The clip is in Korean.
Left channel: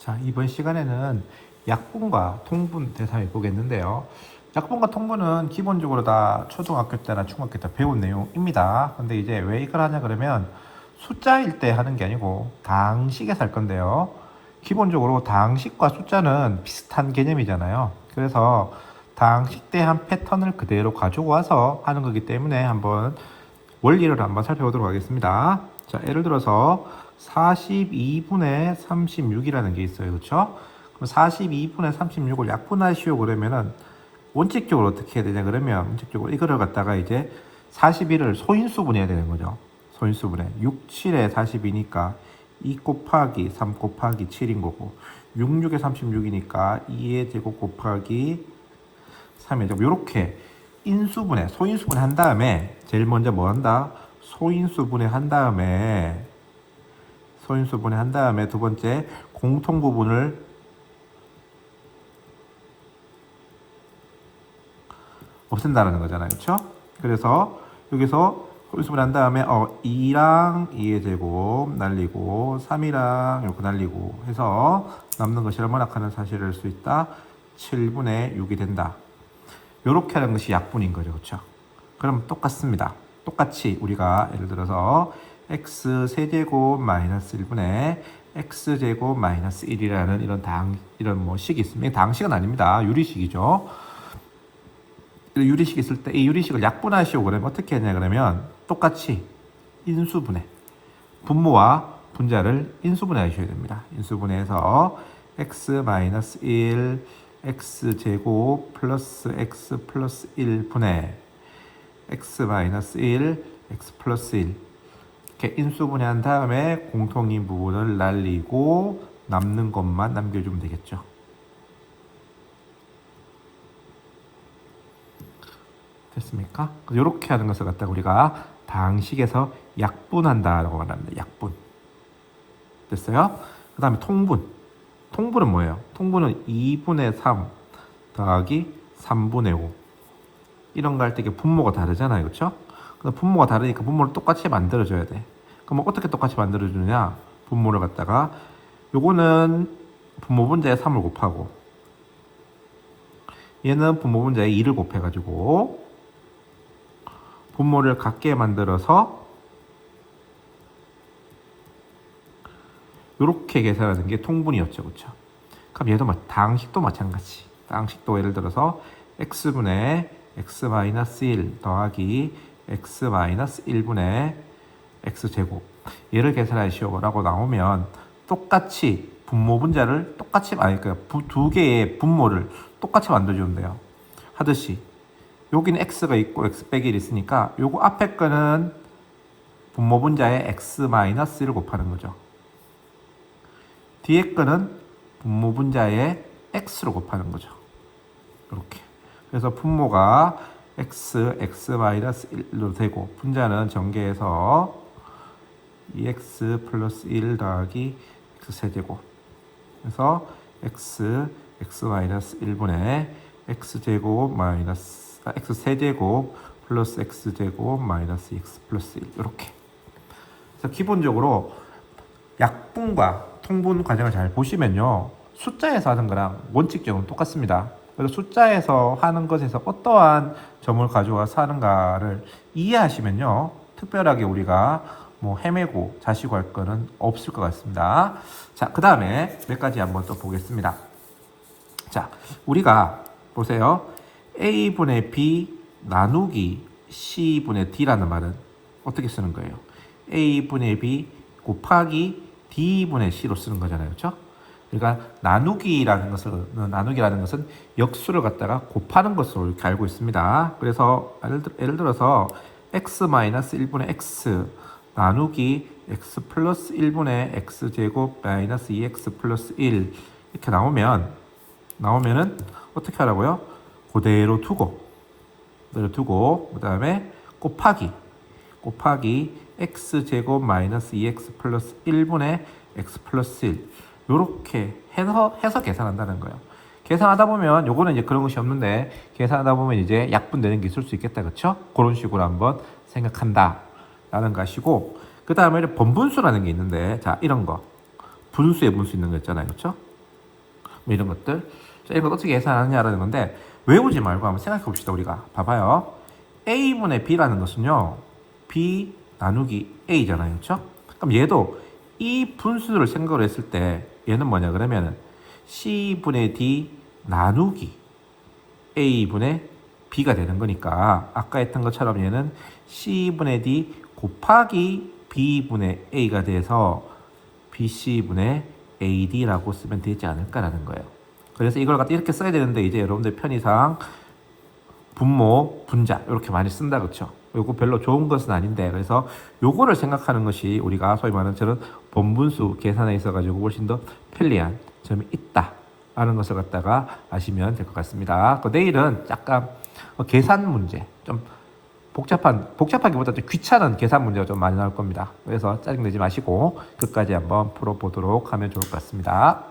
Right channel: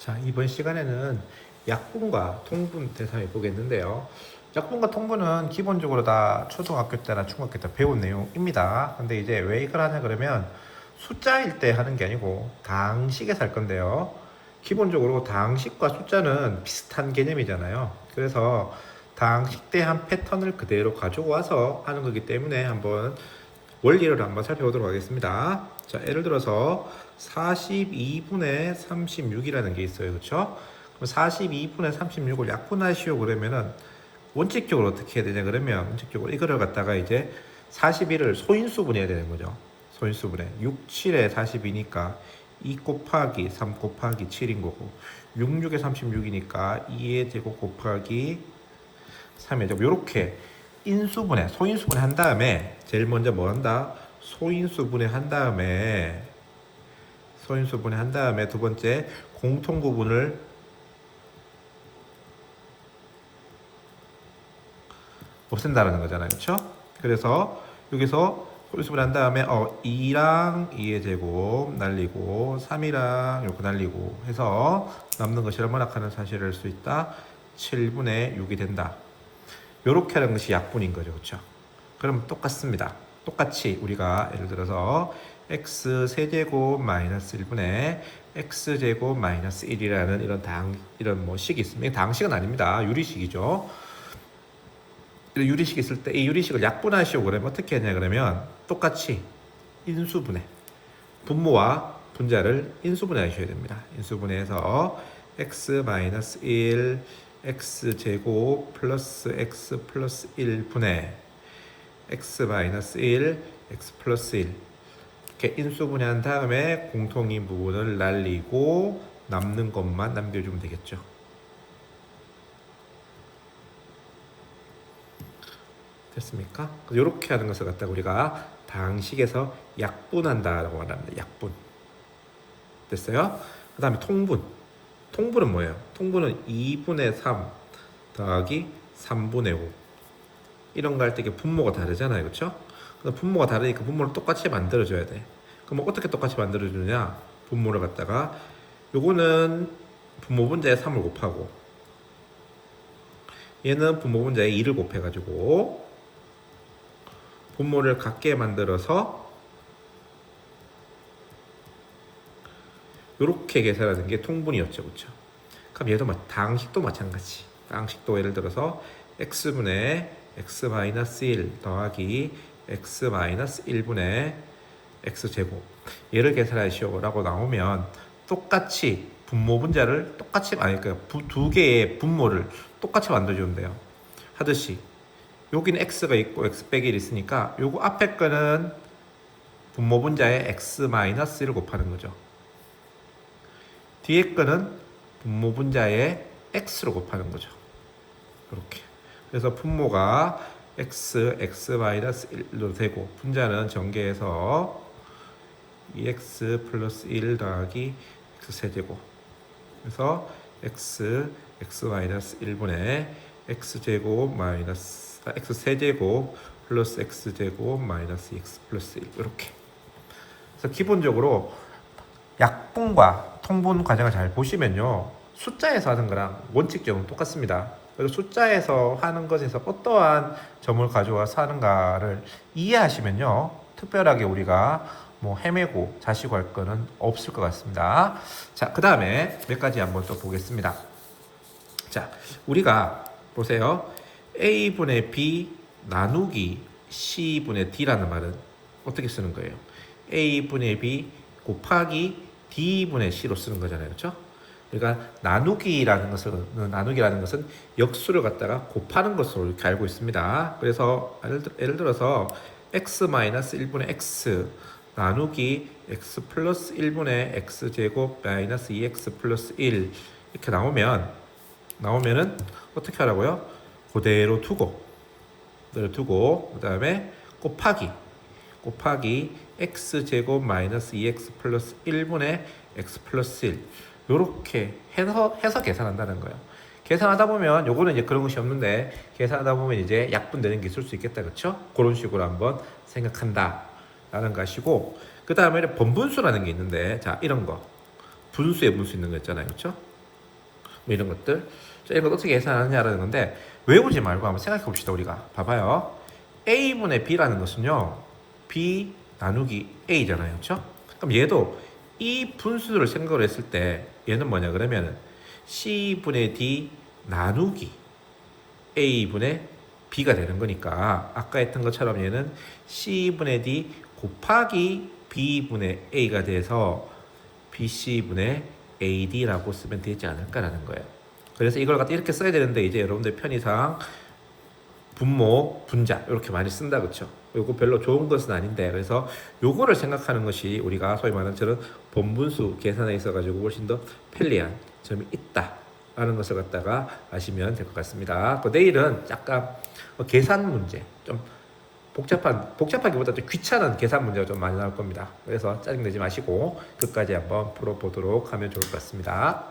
자, 이번 시간에는 약분과 통분 대상을 보겠는데요. 약분과 통분은 기본적으로 다 초등학교 때나 중학교 때 배운 내용입니다. 근데 이제 왜 이걸 하냐 그러면 숫자일 때 하는 게 아니고 다항식에서 할 건데요. 기본적으로 다항식과 숫자는 비슷한 개념이잖아요. 그래서 다항식 때 한 패턴을 그대로 가지고 와서 하는 거기 때문에 한번 원리를 한번 살펴보도록 하겠습니다. 자, 예를 들어서 42분의 36이라는 게 있어요. 그렇죠? 그럼 42분의 36을 약분하시오 그러면은 원칙적으로 어떻게 해야 되냐 그러면 원칙적으로 이거를 갖다가 이제 41을 소인수분해야 되는 거죠. 소인수분해. 6, 7에 42니까 2 곱하기 3 곱하기 7인 거고 6, 6에 36이니까 2의 제곱 곱하기 3의 제곱 이렇게 인수분해, 소인수분해 한 다음에 제일 먼저 뭐 한다? 소인수분해 한 다음에 두 번째 공통 부분을 없앤다는 거잖아요. 그렇죠? 그래서 여기서 소인수분해 한 다음에 2랑 2의 제곱 날리고 3이랑 이렇게 날리고 해서 남는 것이 얼마나 하는 사실을 알 수 있다? 7분의 6이 된다. 이렇게 하는 것이 약분인 거죠. 그렇죠? 그럼 똑같습니다. 똑같이 우리가 예를 들어서 x 세제곱 마이너스 1분의 x제곱 마이너스 1이라는 이런 뭐 식이 있습니다. 당식은 아닙니다. 유리식이죠. 유리식 있을 때 이 유리식을 약분하시오 그러면 어떻게 하냐 그러면 똑같이 인수분해 분모와 분자를 인수분해 하셔야 됩니다. 인수분해해서 x 마이너스 1 x제곱 플러스 x 플러스 1분의 x 마이너스 1 x 플러스 1 이렇게 인수분해한 다음에 공통인 부분을 날리고 남는 것만 남겨주면 되겠죠. 됐습니까? 이렇게 하는 것을 갖다가 우리가 방식에서 약분한다라고 말합니다. 약분. 됐어요? 그 다음에 통분. 통분은 뭐예요? 통분은 2분의 3 더하기 3분의 5 이런 거 할 때 분모가 다르잖아요. 그렇죠? 분모가 다르니까 분모를 똑같이 만들어줘야 돼. 그럼 어떻게 똑같이 만들어주냐? 분모를 갖다가 요거는 분모 분자에 3을 곱하고 얘는 분모 분자에 2를 곱해가지고 분모를 같게 만들어서 이렇게 계산하는 게 통분이었죠. 그렇죠? 그럼 얘도 다항식도 마찬가지. 다항식도 예를 들어서 x분의 x-1 더하기 x-1분의 x제곱 얘를 계산하시오라고 나오면 똑같이 분모 분자를 똑같이 그러니까 두 개의 분모를 똑같이 만들어주면 돼요. 하듯이 여기는 x가 있고 x 빼기 1이 있으니까 요거 앞에 거는 분모 분자에 x-1을 곱하는 거죠. 뒤에 거는 분모 분자에 x로 곱하는 거죠. 이렇게. 그래서 분모가 x-1로 되고 분자는 전개해서 2x 플러스 1 더하기 x세제곱 그래서 x-1분의 x제곱 마이너스 x세제곱 플러스 x제곱 마이너스 x 플러스 1 이렇게. 그래서 기본적으로 약분과 통분 과정을 잘 보시면요. 숫자에서 하는 거랑 원칙적으로 똑같습니다. 그래서 숫자에서 하는 것에서 어떠한 점을 가져와서 하는가를 이해하시면요. 특별하게 우리가 뭐 헤매고 자시고 할 거는 없을 것 같습니다. 자, 그 다음에 몇 가지 한번 또 보겠습니다. 자, 우리가 보세요. A분의 B 나누기 C분의 D라는 말은 어떻게 쓰는 거예요? A분의 B 곱하기 D분의 C로 쓰는 거잖아요. 그렇죠? 그러니까 나누기라는 것은 역수를 갖다가 곱하는 것으로 이렇게 알고 있습니다. 그래서 예를 들어서 x-1분의 x 나누기 x 플러스 1분의 x제곱 마이너스 2x 플러스 1 이렇게 나오면은 어떻게 하라고요? 그대로 두고 그 다음에 곱하기 x제곱 마이너스 2x 플러스 1분의 x 플러스 1 요렇게 해서 계산한다는 거예요. 계산하다 보면 요거는 이제 그런 것이 없는데 계산하다 보면 이제 약분되는 게 있을 수 있겠다. 그렇죠? 그런 식으로 한번 생각한다 라는 것이고 그 다음에 번분수라는 게 있는데 자 이런 거 분수에 분수 있는 거 있잖아요. 그렇죠? 뭐 이런 것들. 자, 이런 걸 어떻게 계산하느냐라는 건데 외우지 말고 한번 생각해 봅시다. 우리가 봐봐요. a분의 b라는 것은요 b 나누기 a잖아요, 그렇죠? 그럼 얘도 이 분수를 생각을 했을 때 얘는 뭐냐 그러면은 c분의 d 나누기 a분의 b가 되는 거니까 아까 했던 것처럼 얘는 c분의 d 곱하기 b분의 a가 돼서 bc분의 ad라고 쓰면 되지 않을까라는 거예요. 그래서 이걸 갖다 이렇게 써야 되는데 이제 여러분들 편의상 분모, 분자 이렇게 많이 쓴다 그렇죠? 요거 별로 좋은 것은 아닌데 그래서 요거를 생각하는 것이 우리가 소위 말하는 저런 번분수 계산에 있어 가지고 훨씬 더 편리한 점이 있다 라는 것을 갖다가 아시면 될 것 같습니다. 그 내일은 약간 계산 문제 좀 복잡하기보다 좀 귀찮은 계산 문제가 좀 많이 나올 겁니다. 그래서 짜증내지 마시고 끝까지 한번 풀어보도록 하면 좋을 것 같습니다.